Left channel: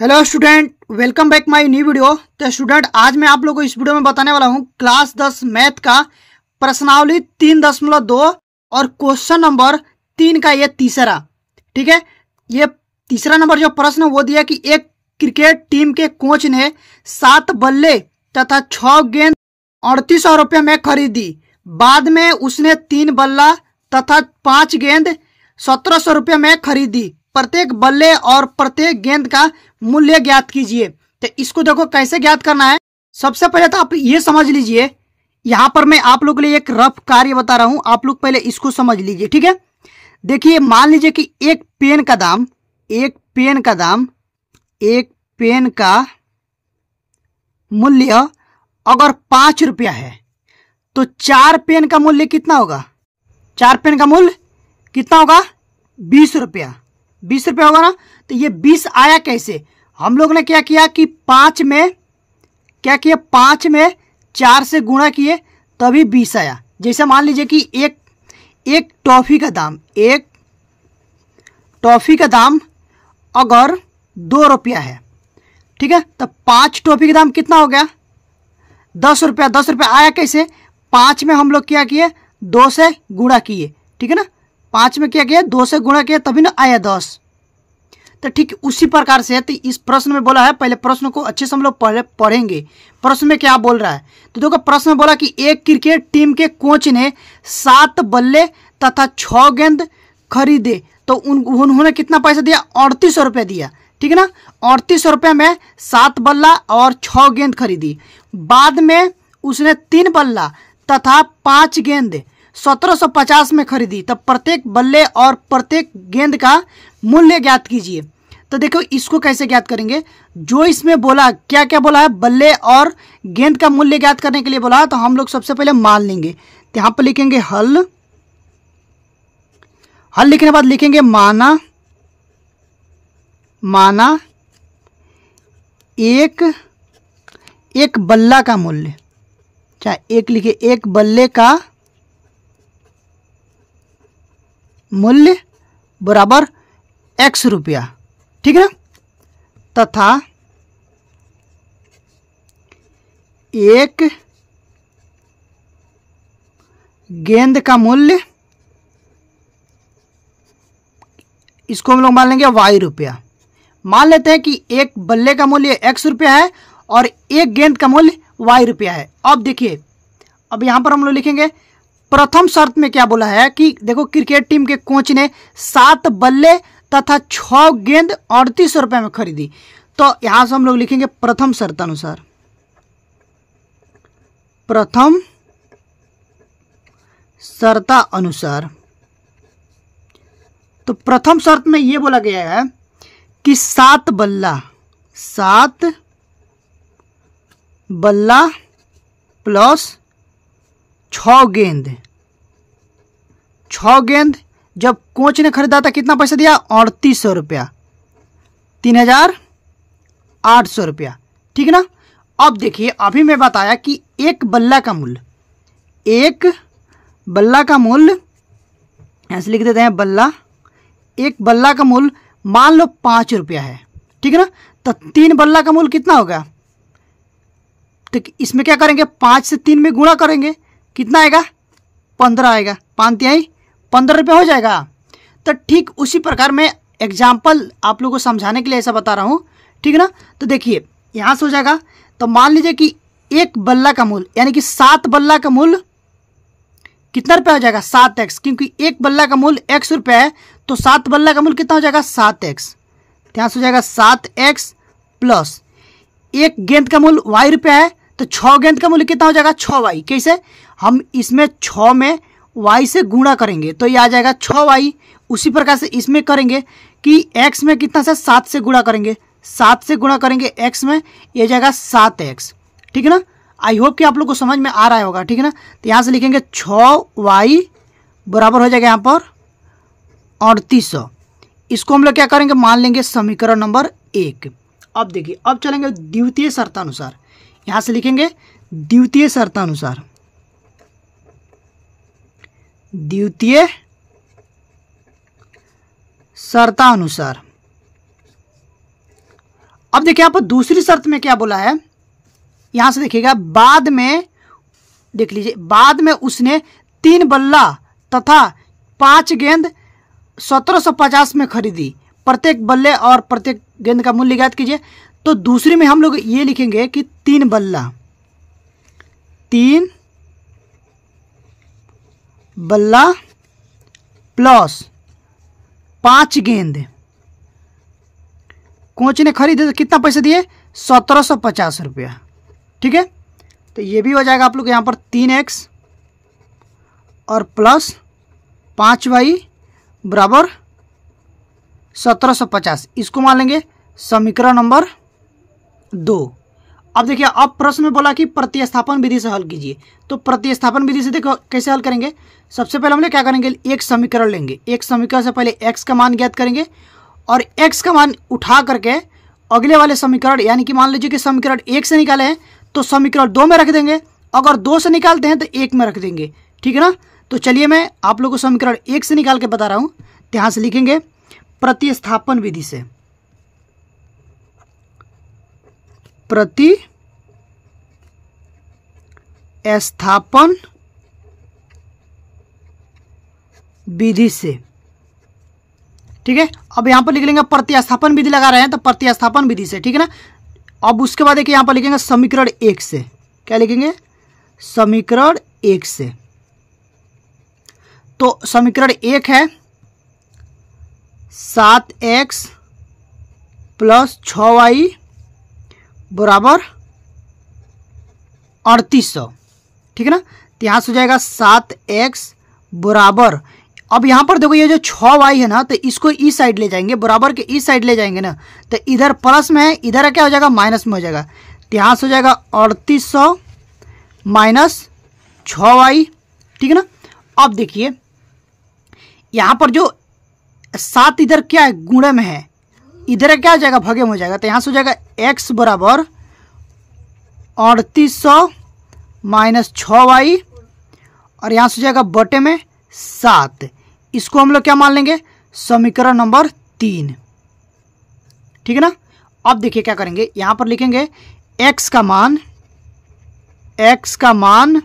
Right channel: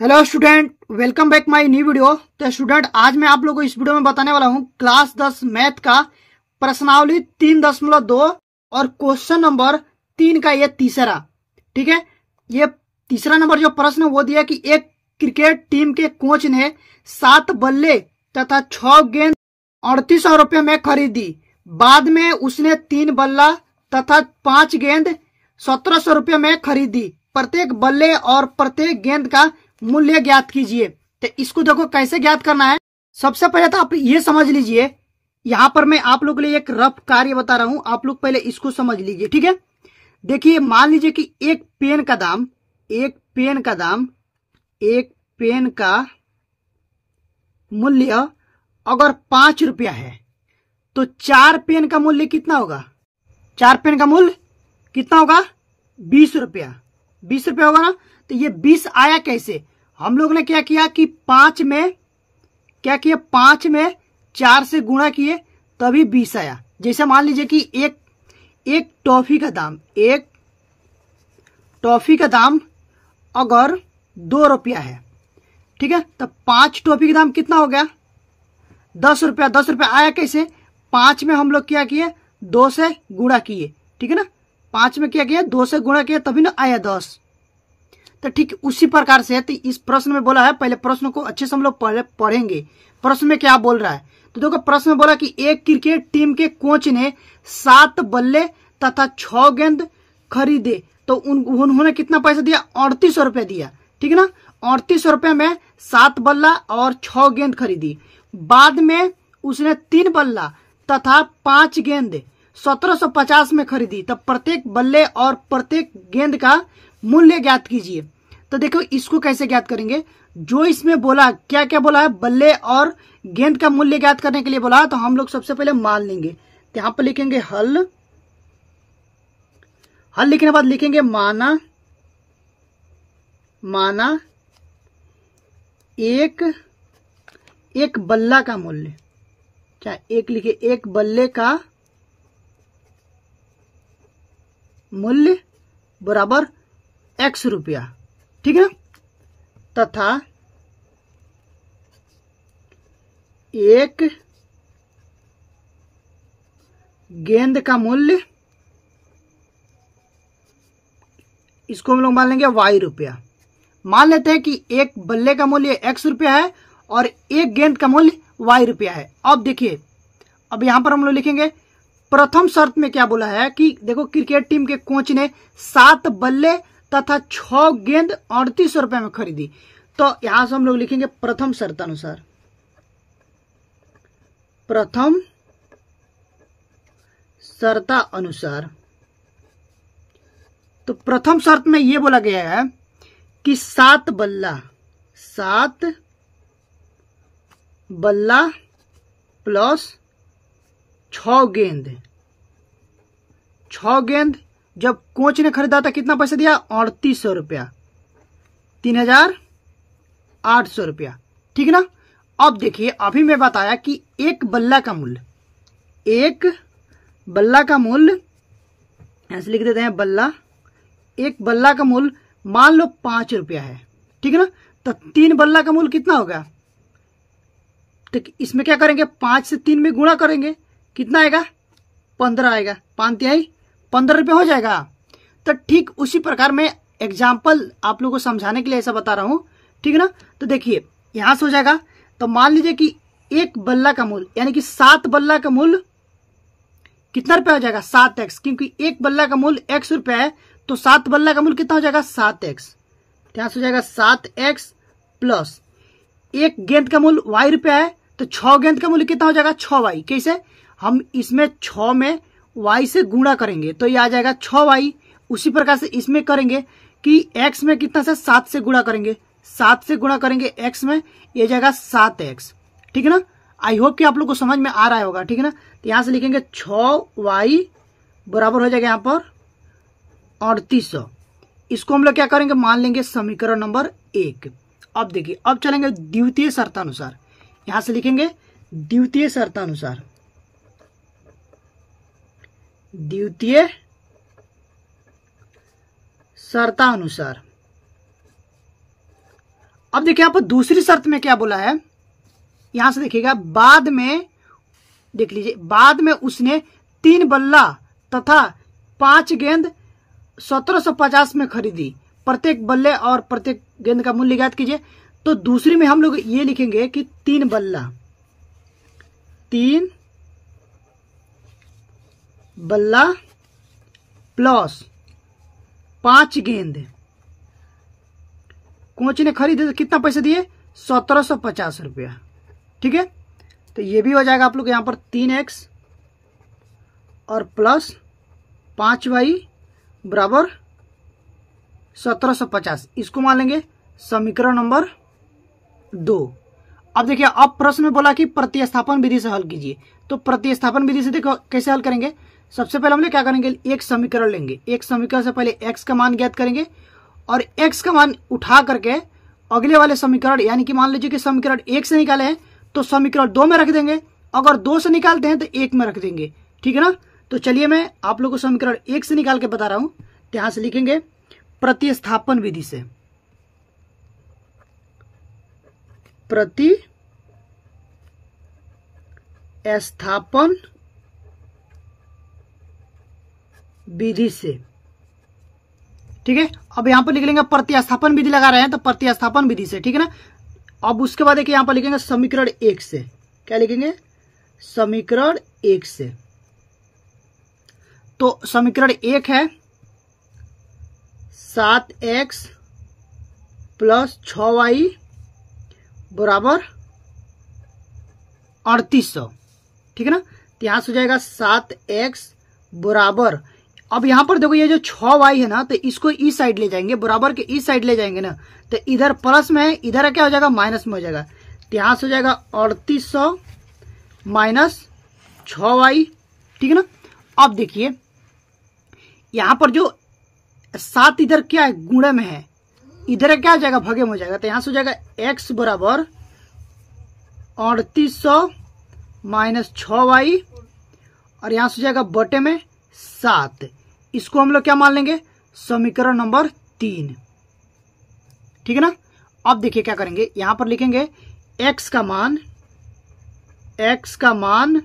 Hello student, welcome back my new video. तो student, आज मैं आप लोगों को इस वीडियो में बताने वाला हूं क्लास 10 मैथ का प्रश्नावली 3.2 और क्वेश्चन नंबर 3 का ये तीसरा। ठीक है, ये तीसरा नंबर जो प्रश्न वो दिया कि एक क्रिकेट टीम के कोच ने 7 बल्ले तथा 6 गेंद 3800 रुपये में खरीदी। बाद में उसने 3 बल्ला तथा 5 गेंद 1700 रुपये में खरीदी। प्रत्येक बल्ले और प्रत्येक गेंद का मूल्य ज्ञात कीजिए। तो इसको देखो कैसे ज्ञात करना है। सबसे पहले तो आप ये समझ लीजिए, यहां पर मैं आप लोग के लिए एक रफ कार्य बता रहा हूं, आप लोग पहले इसको समझ लीजिए। ठीक है, देखिए मान लीजिए कि एक पेन का मूल्य अगर 5 रुपया है तो 4 पेन का मूल्य कितना होगा? 4 पेन का मूल्य कितना होगा? 20 रुपया। 20 रुपया होगा ना। तो ये 20 आया कैसे? हम लोग ने क्या किया कि 5 में 4 से गुणा किए तभी 20 आया। जैसे मान लीजिए कि एक टॉफी का दाम अगर 2 रुपया है, ठीक है, तो 5 टॉफी का दाम कितना हो गया? 10 रुपया। 10 रुपया आया कैसे? 5 में हम लोग क्या किए? 2 से गुणा किए। ठीक है ना, 5 में क्या किया? 2 से गुणा किया तभी ना आया 10। तो ठीक उसी प्रकार से तो इस प्रश्न में बोला है, पहले प्रश्न को अच्छे से हम लोग पढ़ेंगे। प्रश्न में क्या बोल रहा है तो देखो, प्रश्न में बोला कि एक क्रिकेट टीम के कोच ने 7 बल्ले तथा 6 गेंद खरीदे। तो उन्होंने कितना पैसा दिया? 3800 रुपया दिया। ठीक है ना, 3800 रुपये में 7 बल्ला और 6 गेंद खरीदी। बाद में उसने 3 बल्ला तथा 5 गेंद 1750 में खरीदी। तब प्रत्येक बल्ले और प्रत्येक गेंद का मूल्य ज्ञात कीजिए। तो देखो इसको कैसे ज्ञात करेंगे। जो इसमें बोला, क्या क्या बोला है? बल्ले और गेंद का मूल्य ज्ञात करने के लिए बोला। तो हम लोग सबसे पहले मान लेंगे, तो यहां पर लिखेंगे हल लिखने के बाद लिखेंगे माना एक बल्ला का मूल्य, चाहे एक लिखे, एक बल्ले का मूल्य बराबर x रुपया। ठीक है ना, तथा एक गेंद का मूल्य, इसको हम लोग मान लेंगे y रुपया। मान लेते हैं कि एक बल्ले का मूल्य x रुपया है और एक गेंद का मूल्य y रुपया है। अब देखिए, अब यहां पर हम लोग लिखेंगे प्रथम शर्त में क्या बोला है कि देखो क्रिकेट टीम के कोच ने 7 बल्ले तथा 6 गेंद 3800 रुपये में खरीदी। तो यहां से हम लोग लिखेंगे प्रथम शर्त अनुसार, तो प्रथम शर्त में यह बोला गया है कि 7 बल्ला प्लस 6 गेंद जब कोच ने खरीदा था कितना पैसा दिया? 3800 रुपया, 3800 रुपया। ठीक है ना। अब देखिए, अभी मैं बताया कि एक बल्ला का मूल्य ऐसे लिख देते हैं बल्ला। एक बल्ला का मूल्य मान लो 5 रुपया है। ठीक है ना, तो 3 बल्ला का मूल्य कितना होगा? तो इसमें क्या करेंगे? 5 से 3 में गुणा करेंगे, कितना आएगा? 15 आएगा। 5 तिहाई 15 रुपये हो जाएगा। तो ठीक उसी प्रकार मैं एग्जाम्पल आप लोगों को समझाने के लिए ऐसा बता रहा हूं। ठीक है ना, तो देखिए यहां से हो जाएगा। तो मान लीजिए कि एक बल्ला का मूल्य यानी कि 7 बल्ला का मूल्य कितना रुपया हो जाएगा? 7x, क्योंकि एक बल्ला का मूल्य x रुपया है तो 7 बल्ला का मूल्य कितना हो जाएगा? 7x। यहां से हो जाएगा 7x प्लस एक गेंद का मूल्य y रुपया है तो 6 गेंद का मूल्य कितना हो जाएगा? 6y। कैसे? हम इसमें 6 में y से गुणा करेंगे तो ये आ जाएगा 6y। उसी प्रकार से इसमें करेंगे कि x में कितना से 7 से गुणा करेंगे, 7 से गुणा करेंगे x में, ये जाएगा 7x। ठीक है ना, आई होप कि आप लोग को समझ में आ रहा होगा। ठीक है ना, तो यहां से लिखेंगे 6y बराबर हो जाएगा यहाँ पर 3800। इसको हम लोग क्या करेंगे? मान लेंगे समीकरण नंबर 1। अब देखिए, अब चलेंगे द्वितीय शर्तानुसार। यहां से लिखेंगे द्वितीय शर्तानुसार, अब देखिए यहाँ पर दूसरी शर्त में क्या बोला है, यहां से देखिएगा, बाद में देख लीजिए, बाद में उसने 3 बल्ला तथा 5 गेंद 1750 में खरीदी, प्रत्येक बल्ले और प्रत्येक गेंद का मूल्य ज्ञात कीजिए। तो दूसरे में हम लोग ये लिखेंगे कि 3 बल्ला प्लस 5 गेंद कोच ने खरीदे, तो कितना पैसे दिए, 1750 रुपया। ठीक है, तो ये भी हो जाएगा आप लोग यहाँ पर 3x और प्लस 5y बराबर 1750, इसको मान लेंगे समीकरण नंबर 2। अब देखिए, अब प्रश्न में बोला कि प्रतिस्थापन विधि से हल कीजिए। तो प्रतिस्थापन विधि से देखो कैसे हल करेंगे। सबसे पहले हम लोग क्या करेंगे, एक समीकरण लेंगे, एक समीकरण से पहले x का मान ज्ञात करेंगे और x का मान उठा करके अगले वाले समीकरण, यानी कि मान लीजिए कि समीकरण 1 से निकाले हैं तो समीकरण 2 में रख देंगे, अगर 2 से निकालते हैं तो 1 में रख देंगे। ठीक है ना। तो चलिए मैं आप लोगों को समीकरण 1 से निकाल के बता रहा हूं। यहां से लिखेंगे प्रतिस्थापन विधि से, प्रतिस्थापन विधि से। ठीक है, अब यहां पर लिख लेंगे, प्रतिस्थापन विधि लगा रहे हैं तो प्रतिस्थापन विधि से। ठीक है ना। अब उसके बाद देखिए यहां पर लिखेंगे समीकरण 1 से, क्या लिखेंगे, समीकरण 1 से। तो समीकरण 1 है 7x प्लस 6y बराबर 3800। ठीक है ना। तो यहां से हो जाएगा 7x बराबर, अब यहां पर देखो ये जो 6y है ना, तो इसको इस साइड ले जाएंगे, बराबर के इस साइड ले जाएंगे ना, तो इधर प्लस में है, इधर क्या हो जाएगा, माइनस में हो जाएगा। तो यहां से हो जाएगा 3800 माइनस 6y। ठीक है ना। अब देखिए यहां पर जो 7 इधर क्या है, गुणे में है, इधर क्या हो जाएगा, भगे में हो जाएगा। तो यहां से हो जाएगा x बराबर 3800 माइनस 6y और यहां से हो जाएगा बटे में 7। इसको हम लोग क्या मान लेंगे, समीकरण नंबर 3। ठीक है ना। अब देखिए क्या करेंगे, यहां पर लिखेंगे x का मान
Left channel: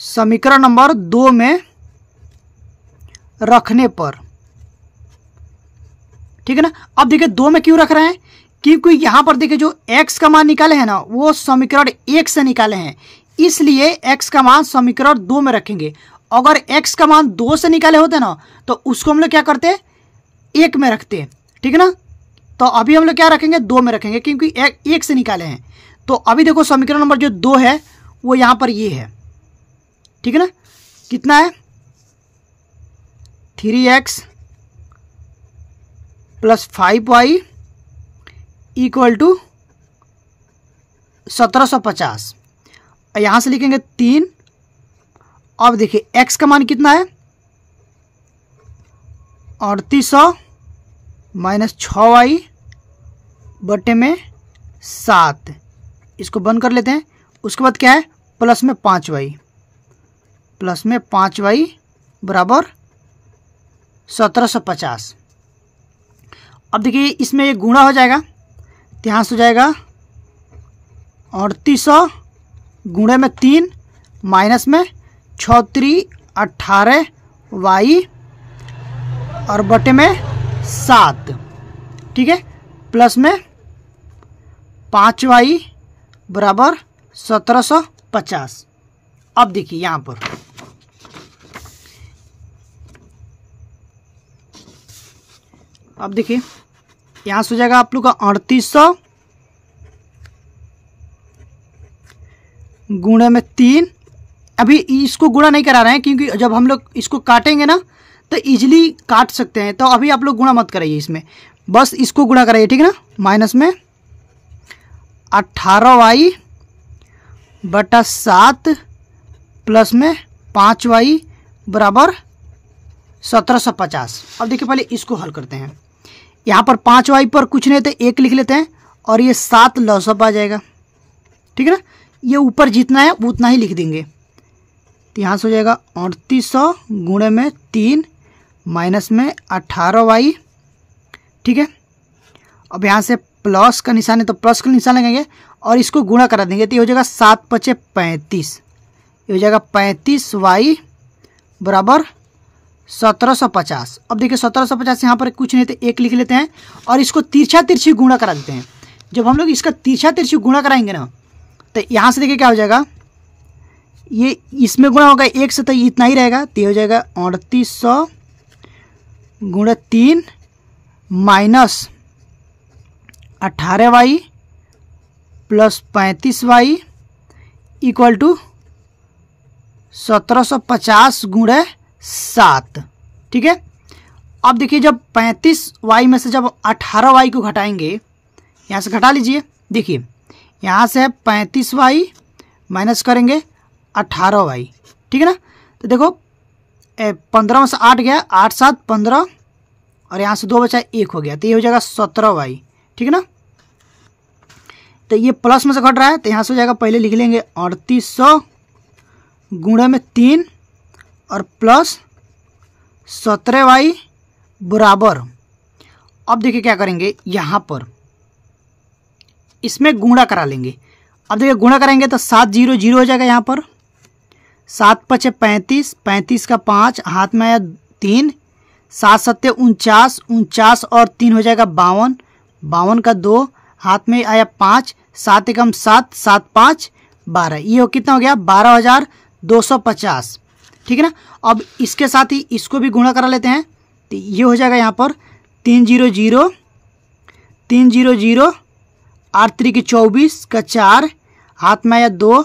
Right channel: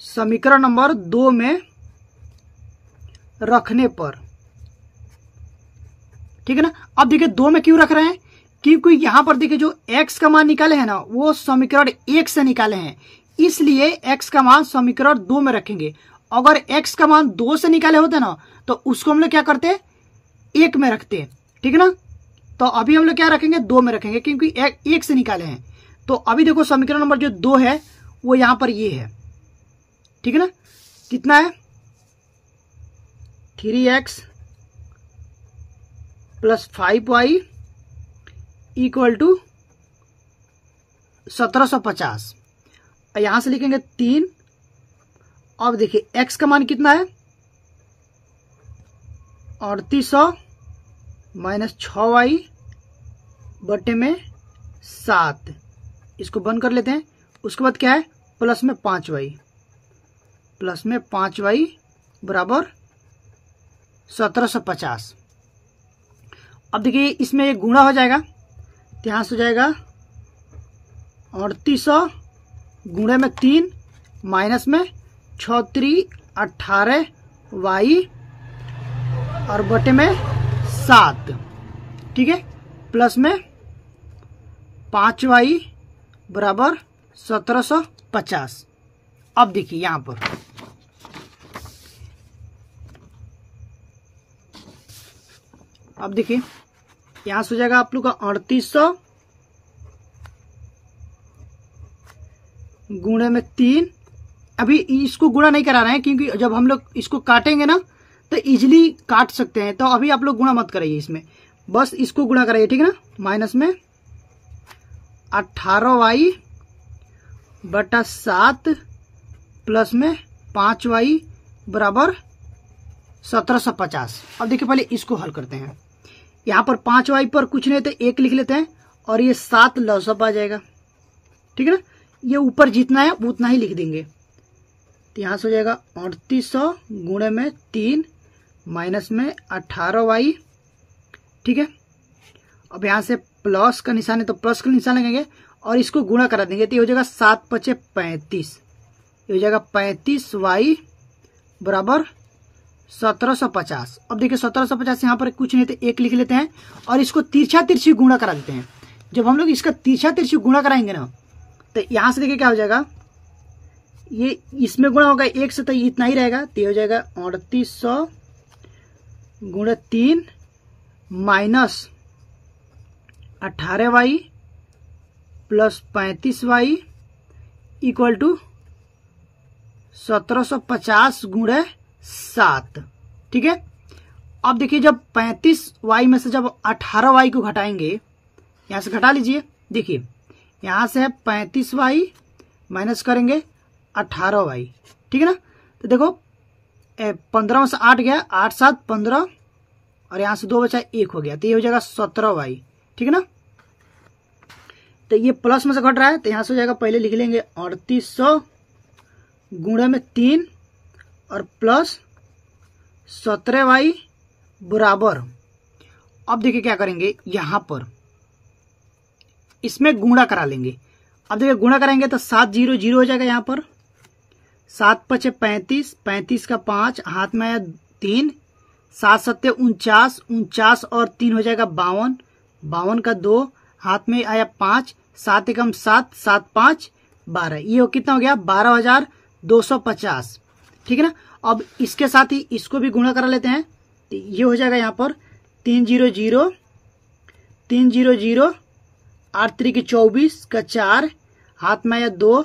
समीकरण नंबर 2 में रखने पर। ठीक है ना। अब देखिए 2 में क्यों रख रहे हैं, क्योंकि यहां पर देखिए जो x का मान निकाले हैं ना, वो समीकरण 1 से निकाले हैं, इसलिए x का मान समीकरण 2 में रखेंगे। अगर x का मान 2 से निकाले होते ना, तो उसको हम लोग क्या करते, 1 में रखते। ठीक है ना। तो अभी हम लोग क्या रखेंगे, 2 में रखेंगे, क्योंकि 1 से निकाले हैं। तो अभी देखो समीकरण नंबर जो 2 है वो यहां पर ये है। ठीक है ना। कितना है, 3x plus 5y equal to 1750। यहां से लिखेंगे 3। अब देखिए x का मान कितना है, 3800 माइनस 6y बटे में 7। इसको बंद कर लेते हैं। उसके बाद क्या है, प्लस में 5y बराबर 1750। अब देखिए इसमें ये गुणा हो जाएगा, तो यहाँ से हो जाएगा 3800 गुणे में 3 माइनस में 6×3 18y और बटे में 7। ठीक है, प्लस में 5y बराबर 1750। अब देखिए यहाँ पर यहाँ से हो जाएगा आप लोग का 3800 गुणे में 3। अभी इसको गुणा नहीं करा रहे हैं, क्योंकि जब हम लोग इसको काटेंगे ना तो इजीली काट सकते हैं, तो अभी आप लोग गुणा मत कराइए इसमें, बस इसको गुणा कराइए। ठीक है ना। माइनस में 18y बटा 7 प्लस में 5y बराबर 1750। अब देखिए पहले इसको हल करते हैं। यहाँ पर 5y पर कुछ नहीं तो 1 लिख लेते हैं और ये 7 लॉसअप आ जाएगा। ठीक है ना। ये ऊपर जितना है उतना ही लिख देंगे। तो यहाँ से हो जाएगा 3800 गुणे में 3 माइनस में 18y ठीक है। अब यहाँ से प्लस का निशान है तो प्लस का निशान लगाएंगे और इसको गुणा करा देंगे तो ये हो जाएगा 7 × 5 = 35, ये हो जाएगा 35y बराबर 1750। अब देखिए 1750 यहाँ पर कुछ नहीं तो 1 लिख लेते हैं और इसको तिरछा तिरछी गुणा करा देते हैं। जब हम लोग इसका तिरछा तिरछी गुणा कराएंगे ना तो यहाँ से देखिए क्या हो जाएगा, ये इसमें गुणा होगा 1 से तो इतना ही रहेगा, तो ये हो जाएगा 3800 × 3 minus 18y plus 35y equal to 1750 × 7। ठीक है। अब देखिए जब 35y में से जब 18y को घटाएंगे, यहाँ से घटा लीजिए, देखिए यहाँ से 35y माइनस करेंगे 18y, ठीक है ना। तो देखो 15 में से 8 गया, 8 × 7 = 15 और यहाँ से 2 बचा 1 हो गया, तो ये हो जाएगा 17y, ठीक है ना। तो ये प्लस में से घट रहा है तो यहाँ से हो जाएगा, पहले लिख लेंगे 3800 × 3 और प्लस 17y बराबर, अब देखिए क्या करेंगे, यहाँ पर इसमें गुणा करा लेंगे। अब देखिए गुणा करेंगे तो 7 0 0 हो जाएगा, यहाँ पर 7 × 5 = 35, 35 का 5 हाथ में आया 3, 7 × 7 = 49, 49 और 3 हो जाएगा 52, 52 का 2 हाथ में आया 5, 7 × 7 7 5 12, ये हो कितना हो गया 12,250, ठीक है ना। अब इसके साथ ही इसको भी गुणा करा लेते हैं तो ये हो जाएगा यहाँ पर 3 0 0 3 0 0 8 3 की 24 का 4 हाथ में आया 2,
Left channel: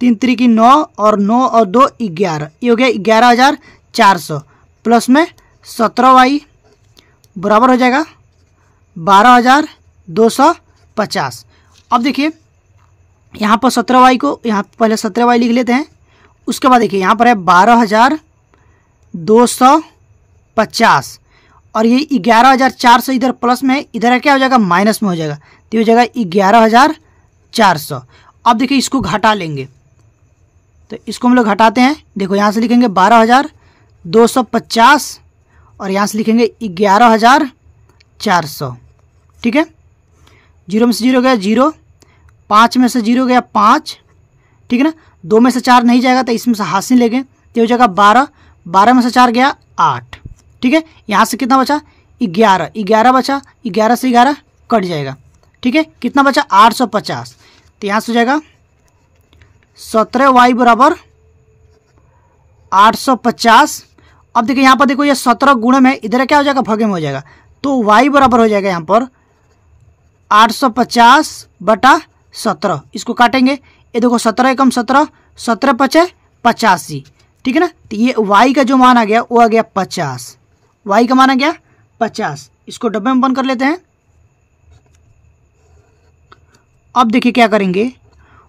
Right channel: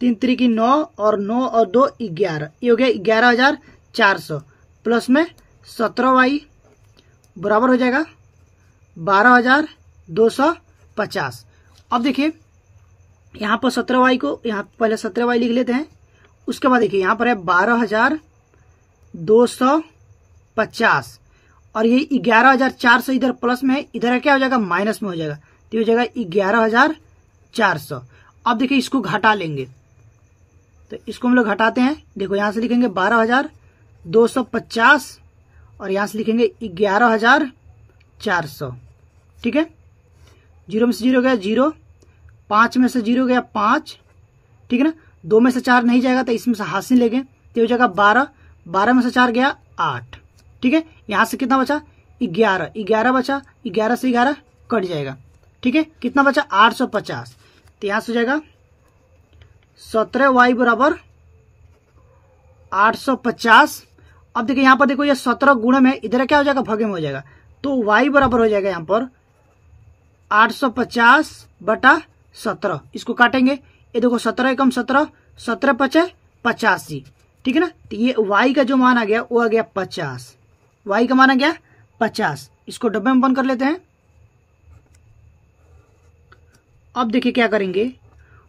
3 3 की 9 और 9 और 2 11, ये हो गया 11,400 प्लस में 17y बराबर हो जाएगा 12,250। अब देखिए यहाँ पर 17y को यहाँ पहले 17y लिख लेते हैं, उसके बाद देखिए यहाँ पर है 12,250 और ये 11,400 इधर प्लस में, इधर क्या हो जाएगा माइनस में हो जाएगा, तो हो जाएगा 11,400। अब देखिए इसको घटा लेंगे तो इसको हम लोग घटाते हैं, देखो यहाँ से लिखेंगे 12,250 और यहाँ से लिखेंगे 11,400, ठीक है। 0 में से 0 गया 0, 5 में से 0 गया 5, ठीक है ना। 2 में से 4 नहीं जाएगा तो इसमें से हासिल लेंगे तो हो जाएगा 12, 12 में से 4 गया 8, ठीक है। यहाँ से कितना बचा 11, 11 बचा, 11 से 11 कट जाएगा, ठीक है। कितना बचा 850, तो यहाँ से हो जाएगा 17y बराबर 850। अब देखिए यहाँ पर देखो ये 17 गुणे में, इधर क्या हो जाएगा भगे में हो जाएगा, तो y बराबर हो जाएगा यहाँ पर 850/17, इसको काटेंगे, ये देखो 17 × 17 17 × 5 = 85, ठीक है ना। तो ये y का जो मान आ गया वो आ गया 50, y का मान आ गया 50, इसको डब्बे में बंद कर लेते हैं। अब देखिए क्या करेंगे,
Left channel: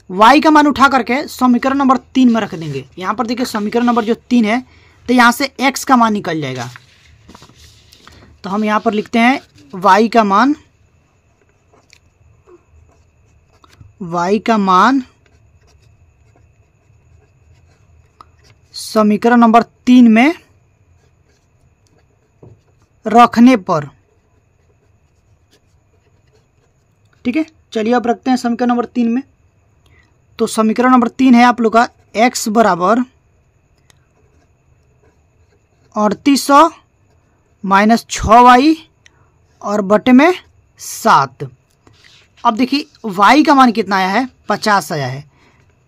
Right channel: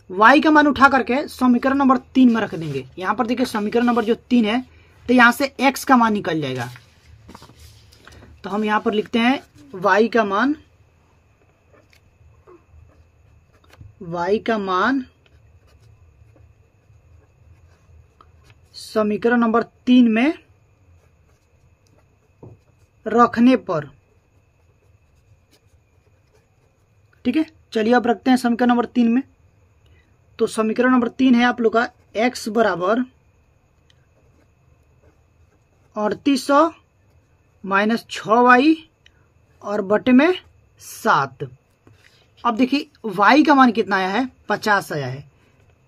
y का मान उठा करके समीकरण नंबर 3 में रख देंगे। यहाँ पर देखिए समीकरण नंबर जो 3 है तो यहाँ से x का मान निकल जाएगा, तो हम यहाँ पर लिखते हैं y का मान समीकरण नंबर 3 में रखने पर, ठीक है। चलिए अब रखते हैं समीकरण नंबर 3 में। तो समीकरण नंबर 3 है आप लोग का x बराबर 3800 माइनस 6y और बटे में 7। अब देखिए y का मान कितना आया है 50 आया है,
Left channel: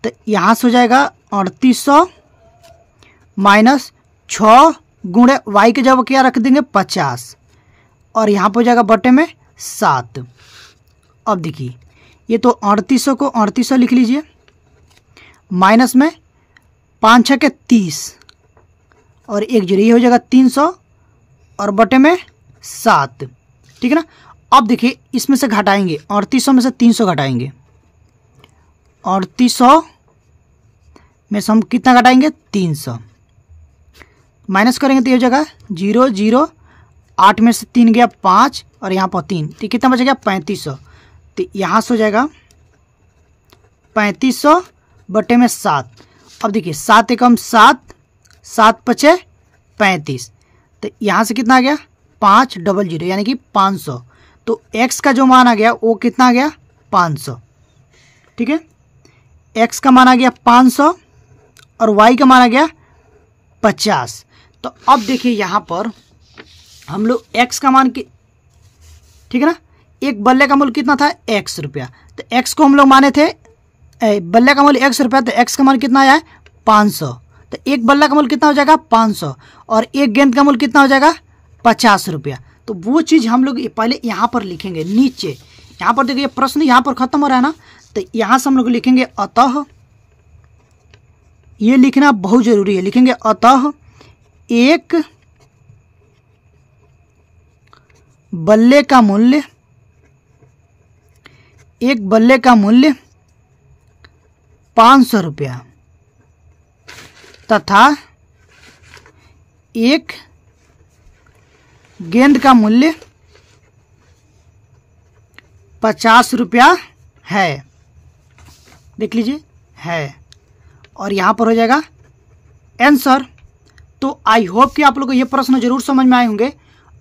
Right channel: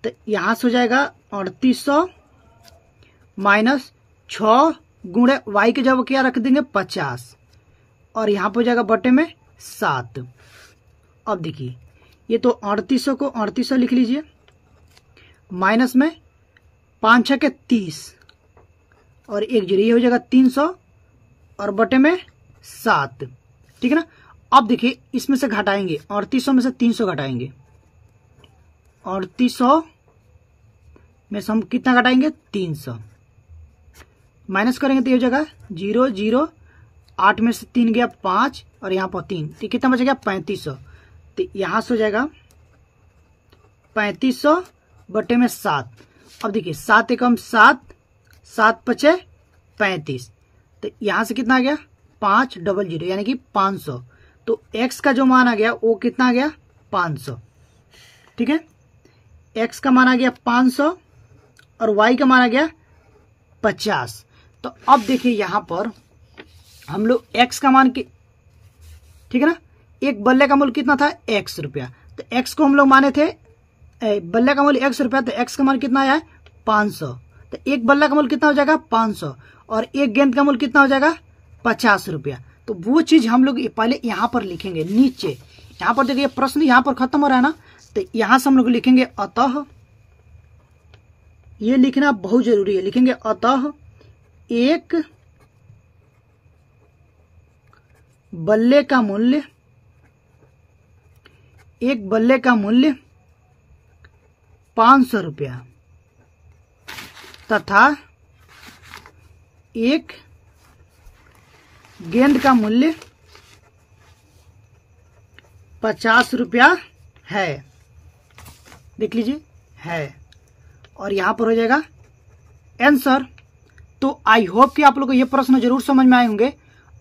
तो यहाँ से हो जाएगा 3800 माइनस 6 गुणे y के जगह क्या रख देंगे 50 और यहाँ पर हो जाएगा बटे में 7। अब देखिए ये तो 3800 को 3800 लिख लीजिए, माइनस में 5 6 के 30 और 1 0, ये हो जाएगा 300 और बटे में 7, ठीक है ना। अब देखिए इसमें से घटाएंगे, 3800 में से 300 घटाएंगे, 3800 में से हम कितना घटाएंगे 300, माइनस करेंगे तो ये हो जाएगा 0 0, 8 में से 3 गया 5 और यहाँ पर 3, तो कितना बचेगा 3500, तो यहाँ से हो जाएगा 3500 बटे में 7। अब देखिए 7 × 7 7 × 5 = 35, तो यहाँ से कितना आ गया 500 यानी कि 500। तो x का जो मान आ गया वो कितना आ गया 500। ठीक है, x का मान आ गया 500 और y का मान आ गया 50। तो अब देखिए यहाँ पर हम लोग x का मान की, ठीक है ना, एक बल्ले का मूल्य कितना था x रुपया, तो x को हम लोग माने थे बल्ले का मूल्य x रुपया, तो x का मान कितना आया है 500। तो एक बल्ला का मूल्य कितना हो जाएगा 500 और एक गेंद का मूल्य कितना हो जाएगा 50 रुपया। तो वो चीज़ हम लोग पहले यहाँ पर लिखेंगे नीचे। यहाँ पर देखिए प्रश्न यहाँ पर खत्म हो रहा है ना, तो यहाँ से हम लोग लिखेंगे अतः, ये लिखना बहुत जरूरी है, लिखेंगे अतः एक बल्ले का मूल्य, एक बल्ले का मूल्य 500 रुपया तथा एक गेंद का मूल्य 50 रुपया है। देख लीजिए है, और यहाँ पर हो जाएगा आंसर। तो आई होप कि आप लोग को ये प्रश्न जरूर समझ में आए होंगे।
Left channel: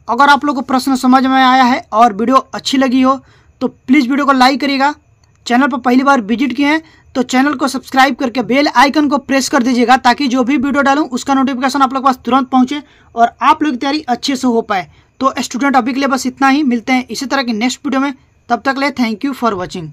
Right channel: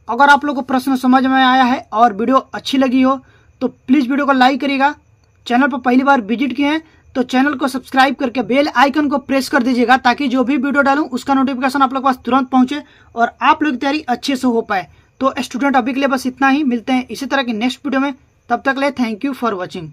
अगर आप लोग को प्रश्न समझ में आया है और वीडियो अच्छी लगी हो तो प्लीज़ वीडियो को लाइक करिएगा। चैनल पर पहली बार विजिट किए हैं तो चैनल को सब्सक्राइब करके बेल आइकन को प्रेस कर दीजिएगा, ताकि जो भी वीडियो डालूं उसका नोटिफिकेशन आप लोग के पास तुरंत पहुंचे और आप लोग की तैयारी अच्छे से हो पाए। तो स्टूडेंट अभी के लिए बस इतना ही, मिलते हैं इसी तरह की नेक्स्ट वीडियो में, तब तक के लिए थैंक यू फॉर वॉचिंग।